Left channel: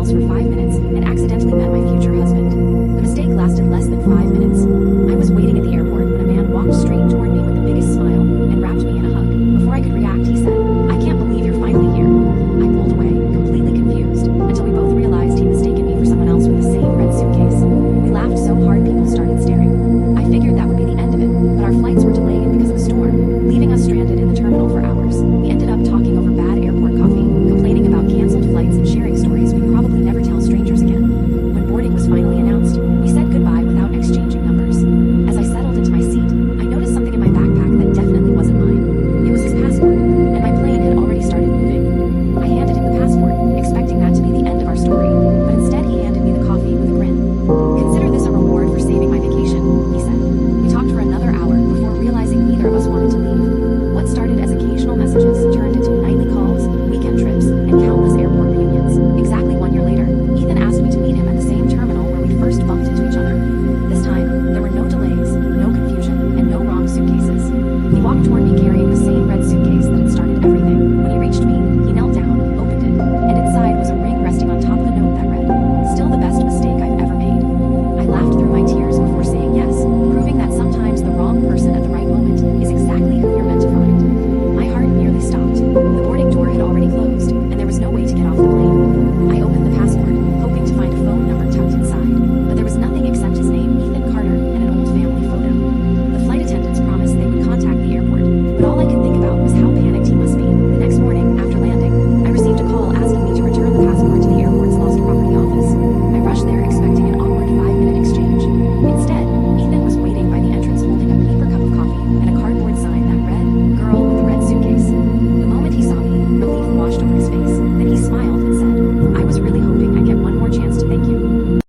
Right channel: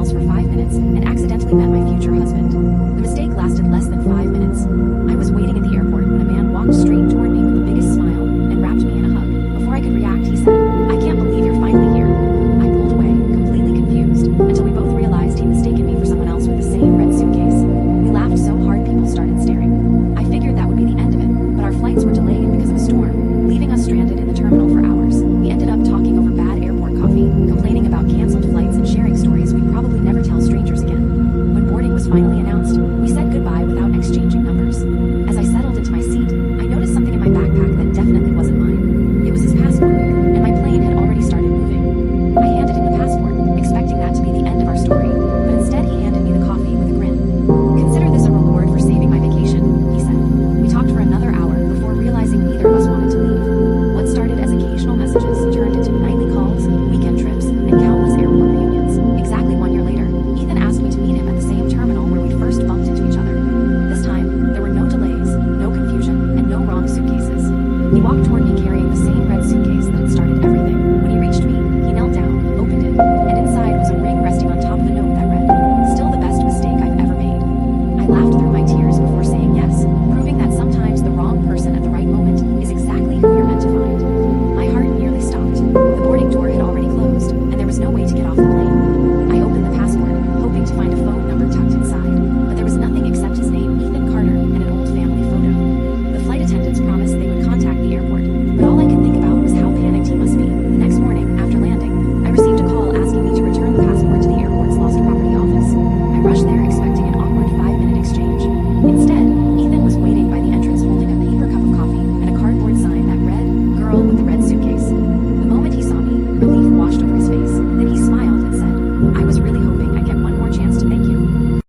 else for 5 minutes and accidentally met my future husband. The mistake lasted less than 5 minutes. I was waiting at the airport when a man walked straight toward me with the biggest smile and wrapped me in a hug. Before I could react, he said, "I can't believe you're finally here." I pulled away, completely confused, until we both realized he'd mistaken me for someone else with the same red suitcase. We laughed so hard people started staring. I figured that would be the end of it, but our flights were delayed because of a storm, leaving us stranded in the terminal for hours. We ended up talking over bad airport coffee, complaining about canceled flights and sharing stories we'd probably never tell strangers again. When boarding was finally announced, we said goodbye without exchanging numbers. As I settled into my seat, I noticed something in my backpack that definitely wasn't mine. It was his passport, and my plane had already started moving. I handed him the passport, expecting that to be the end of our story, but instead he handed me the coffee with a grin. "Consider this a reward for saving my vacation," he said. We talked for another hour before realizing neither of us wanted to leave. What started as occasional messages turned into nightly calls, weekend trips, and countless airport reunions. Exactly 1 year later, Ethan asked me to meet him at the same terminal where we'd first bumped into each other. This time, there were no delays, no confusion, and no wrong suitcases. He walked toward me carrying the same red suitcase that had started everything. When he reached me, he knelt down, opened it, and inside was a ring resting on top of a note that read, "Still the best mistake I've ever made." I laughed through my tears before saying yes, proving that sometimes the wrong person at the right moment is exactly who you're meant to find. My heart nearly stopped. The boarding door had already closed, and there was no way to get off the plane. I opened the passport, hoping to find a phone number tucked inside, but there was nothing except his name, Ethan Carter, and an old family photo. The flight attendants promised they would contact the airport, but all I could think about was how panicked he must be. The next morning, after landing, I received a call asking me to return the passport to the airport's lost property office. I rushed there expecting an awkward 5-minute exchange. Instead, Ethan was waiting by the entrance holding a paper cup of coffee and a cardboard sign that read, "Girl with the red suitcase." The moment he saw me, relief washed over his face. Then he smiled and said, "I was really hoping I'd get one more chance to thank you."